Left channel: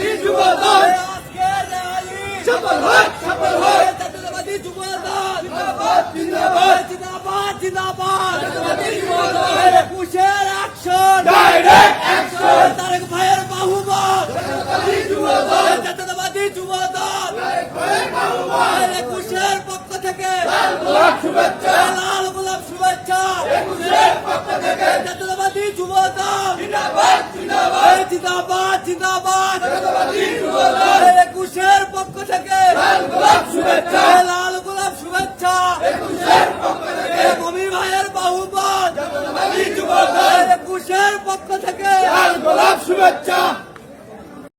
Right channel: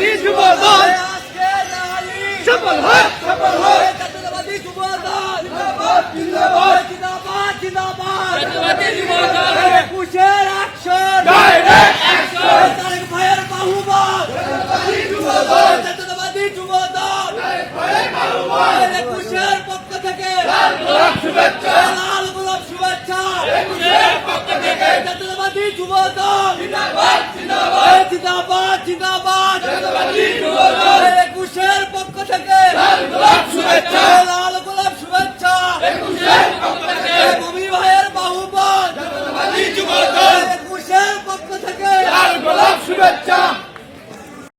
জাতীয়তাবাদী যুবদল সফল হোক জাতীয়তাবাদী যুবদল জিন্দাবাদ জিন্দাবাদ জিন্দাবাদ জিন্দাবাদ জাতীয়তাবাদী যুবদল একুশের অ্যাকশন ডাইরেক্ট অ্যাকশন তারেক ভাইয়ের বাহুবল জাতীয়তাবাদী যুবদল জাতীয়তাবাদী যুবদল তারেক ভাইয়ের বাহুবল একুশের পক্ষ থেকে লাল গোলাপ শুভেচ্ছা লাল গোলাপ শুভেচ্ছা একুশের পক্ষ থেকে জাতীয়তাবাদী যুবদল জিন্দাবাদ জিন্দাবাদ জিন্দাবাদ জিন্দাবাদ জাতীয়তাবাদী যুবদল একুশের পক্ষ থেকে লাল গোলাপ শুভেচ্ছা লাল গোলাপ শুভেচ্ছা একুশের পক্ষ থেকে কবি ভাইয়ের বাহুবল জাতীয়তাবাদী যুবদল একুশের পক্ষ থেকে লাল গোলাপ শুভেচ্ছা।